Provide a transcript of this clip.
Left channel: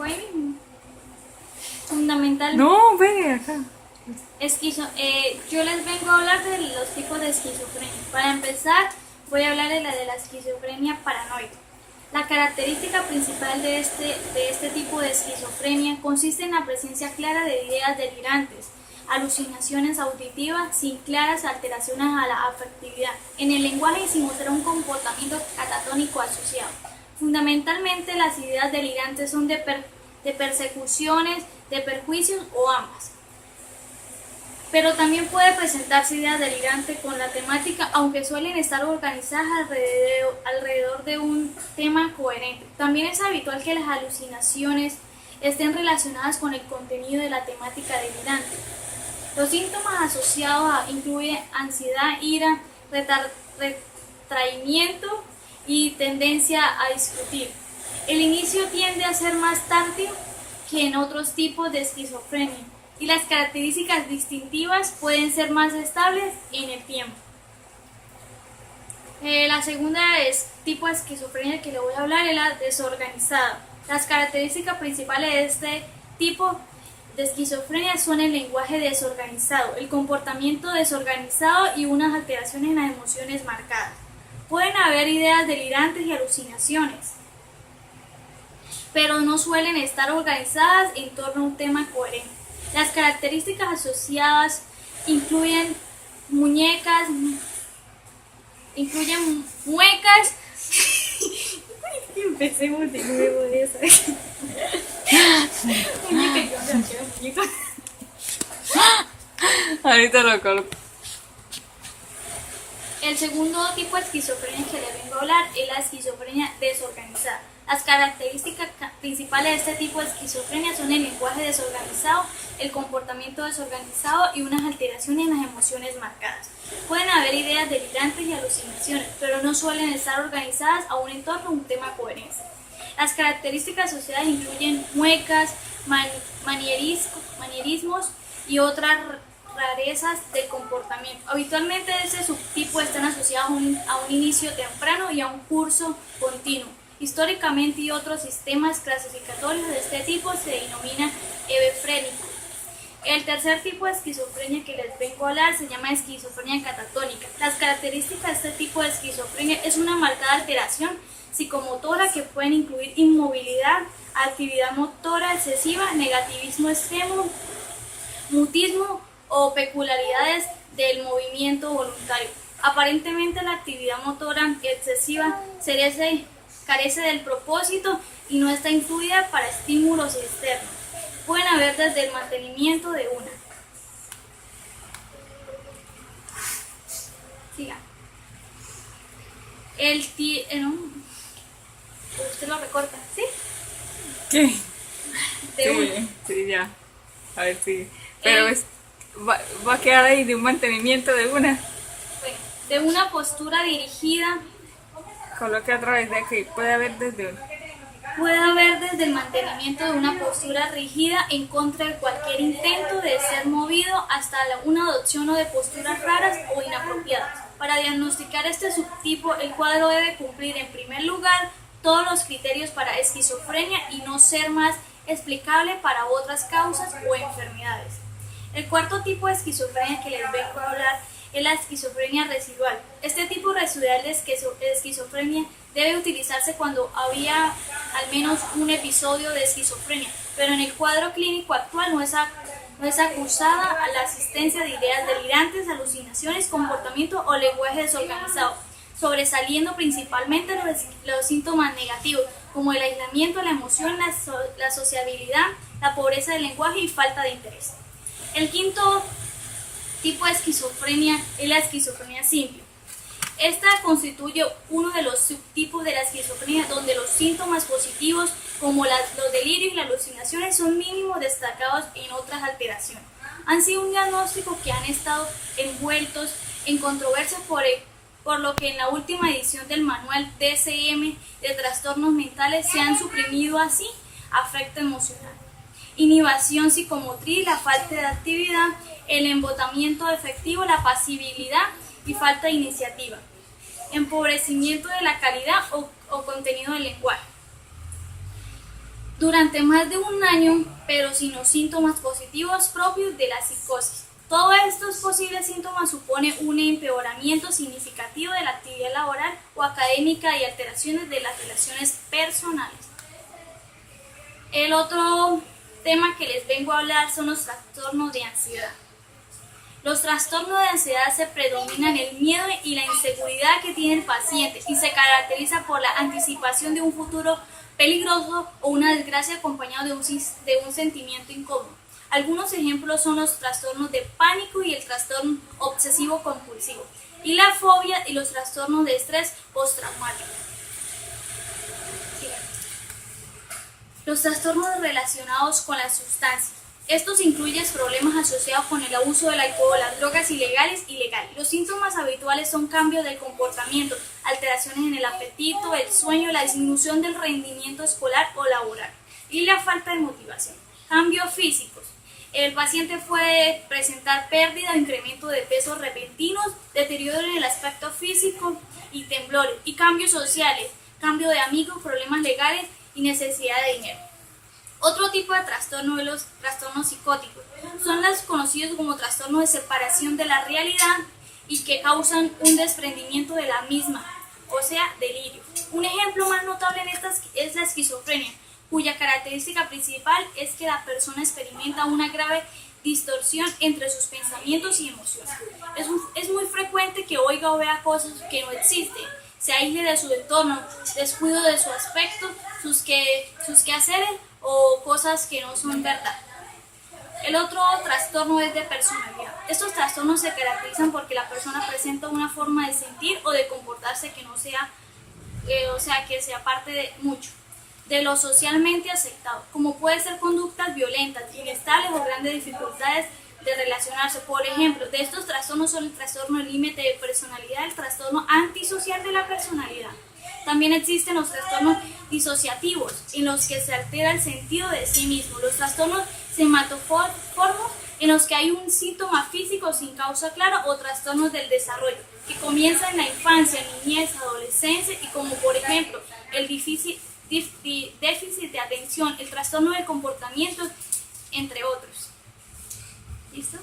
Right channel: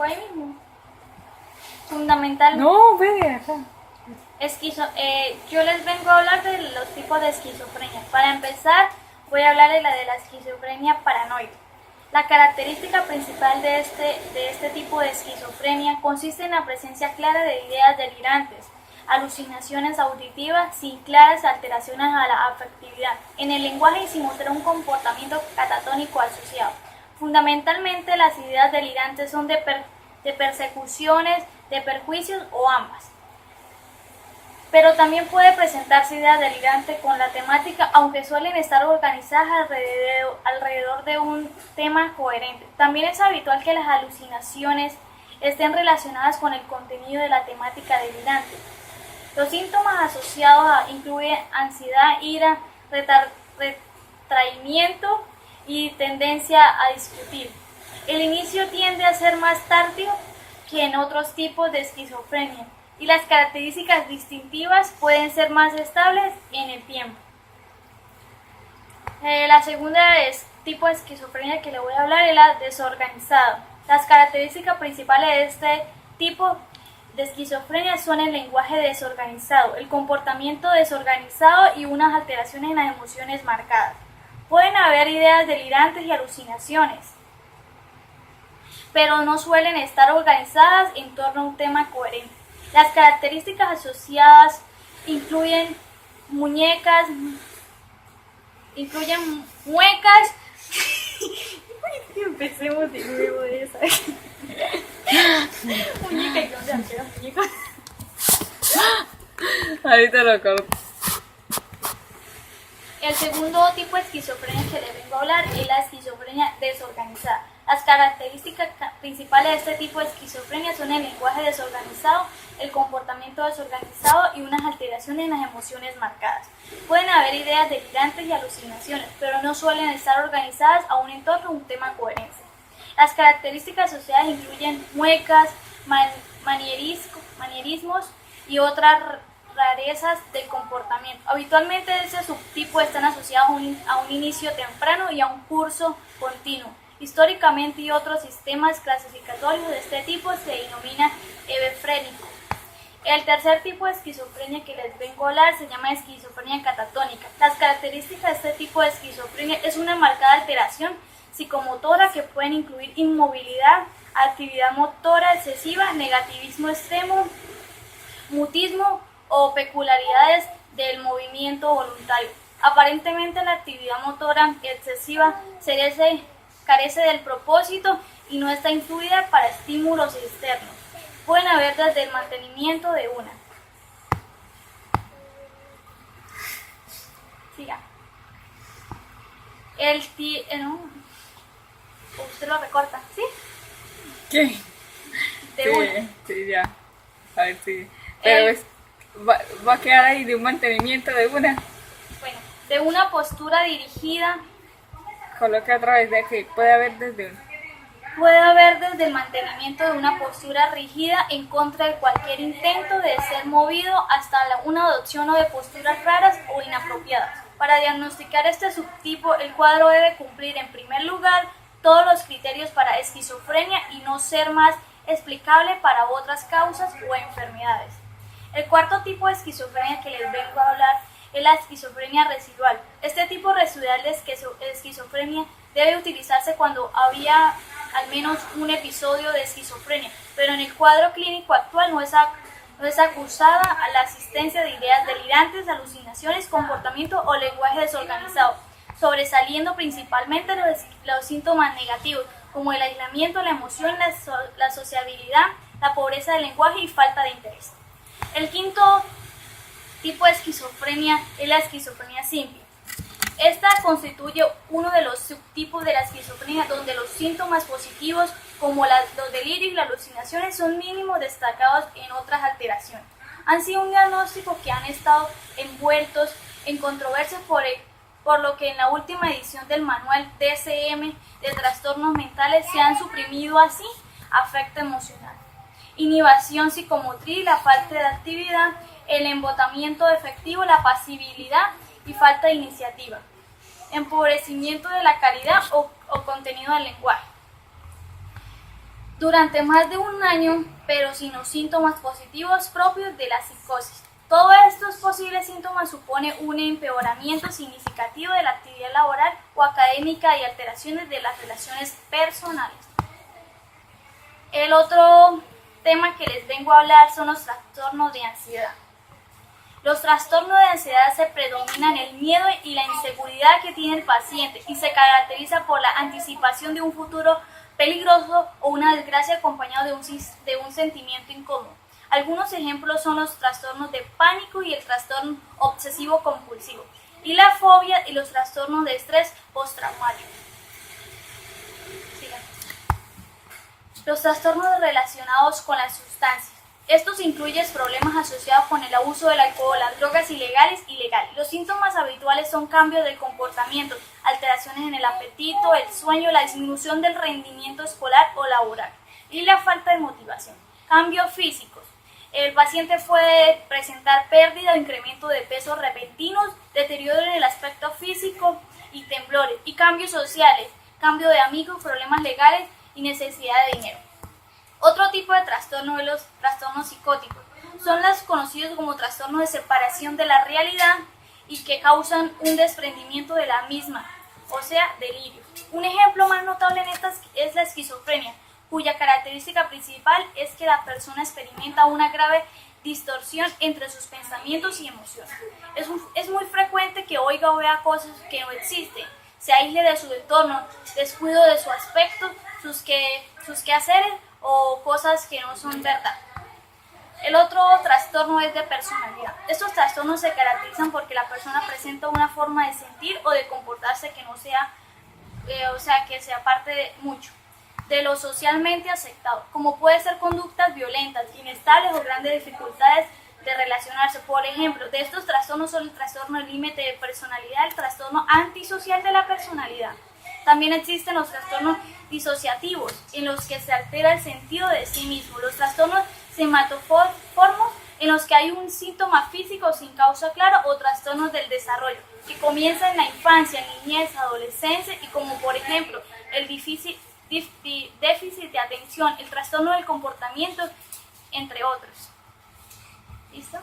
dijo ahí mismo. Fundamental. No, ve acá. Yo les vengo a hablar de los tipos de esquizofrenia. Para empezar, voy a hablar de la esquizofrenia paranoide. La característica principal de este tipo de esquizofrenia consiste en la presencia clara de ideas delirantes, alucinaciones auditivas sin claras alteraciones a la afectividad, en el lenguaje y sin mostrar un comportamiento catatónico asociado. Fundamentalmente, las ideas delirantes son de persecuciones, de perjuicios o ambas. Pero también puede presentarse ideas delirantes con la temática, aunque suelen estar organizadas alrededor de un tema coherente. También es habitual que las alucinaciones estén relacionadas con el contenido de la temática delirante. Los síntomas asociados incluyen ansiedad, ira, retraimiento y tendencia a discutir. El inicio tiende a ser más tardío que en otros tipos de esquizofrenia, y las características distintivas pueden ser más estables en el tiempo. La segunda tipo de esquizofrenia que le voy a hablar es la desorganizada. Las características principales de este tipo de esquizofrenia son el lenguaje desorganizado, el comportamiento desorganizado y unas alteraciones en las emociones marcadas. Pueden haber ideas delirantes y alucinaciones, pero no suelen estar organizadas en torno a un tema coherente. Las características asociadas incluyen muecas. Empecemos de nuevo de esa. Muñeca, yo me quiero muñeca. Ahorita lo corto. El segundo tipo de esquizofrenia que le vengo a hablar es la esquizofrenia desorganizada. Las características principales de este tipo de esquizofrenia son el lenguaje desorganizado, el comportamiento desorganizado y unas alteraciones en las emociones marcadas. Pueden haber ideas delirantes y alucinaciones, pero no suelen estar organizadas a un entorno o un tema coherente. Las características asociadas incluyen muecas, manierismos y otras rarezas del comportamiento. Habitualmente este subtipo están asociados a un inicio temprano y a un curso continuo. Históricamente y otros sistemas clasificatorios de este tipo se denomina hebefrénico. El tercer tipo de esquizofrenia que les vengo a hablar se llama esquizofrenia catatónica. Las características de este tipo de esquizofrenia es una marcada alteración psicomotora que pueden incluir inmovilidad, actividad motora excesiva, negativismo extremo, mutismo o peculiaridades del movimiento voluntario. Aparentemente la actividad motora excesiva carece del propósito y no está influida para estímulos externos. Pueden haber desde el mantenimiento de una. Siga. Usted lo recorta, ¿sí? ¿Qué? De una. Sí, ya. A ver, sí. Pero va a quedar ahí de un mantenimiento de una. Bueno, de una postura dirigida. Coloque a través de aquí. Puede haber desde el mantenimiento de una postura rígida en contra de cualquier intento de ser movido hasta una adopción o de posturas raras o inapropiadas. Para diagnosticar este subtipo, el cuadro debe cumplir en primer lugar todos los criterios para esquizofrenia y no ser más explicable para otras causas o enfermedades. El cuarto tipo de esquizofrenia que les vengo a hablar es la esquizofrenia residual. Este tipo residual de esquizofrenia debe utilizarse cuando había al menos un episodio de esquizofrenia, pero en el cuadro clínico actual no es acusada a la asistencia de ideas delirantes, alucinaciones, comportamiento o lenguaje desorganizado, sobresaliendo principalmente los síntomas negativos, como el aislamiento, la emoción, la sociabilidad, la pobreza del lenguaje y falta de interés. El quinto tipo de esquizofrenia es la esquizofrenia simple. Esta constituye uno de los subtipos de la esquizofrenia donde los síntomas positivos como los delirios y las alucinaciones son mínimos destacados en otras alteraciones. Han sido un diagnóstico que han estado envueltos en controversias por lo que en la última edición del manual DSM de trastornos mentales se han suprimido así afecto emocional, inhibición psicomotriz, la falta de actividad, el embotamiento efectivo, la pasividad y falta de iniciativa, empobrecimiento de la calidad o contenido del lenguaje. durante más de un año, pero sin los síntomas positivos propios de la psicosis. Todos estos posibles síntomas suponen un empeoramiento significativo de la actividad laboral o académica y alteraciones de las relaciones personales. El otro tema que les vengo a hablar son los trastornos de ansiedad. Los trastornos de ansiedad se predominan el miedo y la inseguridad que tiene el paciente y se caracteriza por la anticipación de un futuro peligroso o una desgracia acompañado de un sentimiento incómodo. Algunos ejemplos son los trastornos de pánico y el trastorno obsesivo compulsivo, y la fobia y los trastornos de estrés postraumático. Los trastornos relacionados con las sustancias. Estos incluyen problemas asociados con el abuso del alcohol, las drogas ilegales y legales. Los síntomas habituales son cambios del comportamiento, alteraciones en el apetito, el sueño, la disminución del rendimiento escolar o laboral y la falta de motivación. Cambios físicos. El paciente puede presentar pérdida o incremento de peso repentinos, deterioro en el aspecto físico y temblores. Y cambios sociales, cambio de amigos, problemas legales y necesidad de dinero. Otro tipo de trastorno es los trastornos psicóticos. Son los conocidos como trastornos de separación de la realidad y que causan un desprendimiento de la misma, o sea, delirio. Un ejemplo más notable en estas es la esquizofrenia, cuya característica principal es que la persona experimenta una grave distorsión entre sus pensamientos y emociones. Es muy frecuente que oiga o vea cosas que no existen, se aísle de su entorno, descuido de su aspecto, sus quehaceres o cosas que no son verdad. El otro trastorno es de personalidad. Estos trastornos se caracterizan porque la persona presenta una forma de sentir o de comportarse que no sea, que se aparte de mucho de lo socialmente aceptado, como puede ser conductas violentas, inestables o grandes dificultades de relacionarse. Por ejemplo, de estos trastornos son el trastorno del límite de personalidad, el trastorno antisocial de la personalidad. También existen los trastornos disociativos, en los que se altera el sentido de sí mismo, los trastornos sematoformos, en los que hay un síntoma físico sin causa clara, o trastornos del desarrollo, que comienzan en la infancia, niñez, adolescencia, y como por ejemplo el déficit de atención, el trastorno del comportamiento, entre otros. ¿Listo?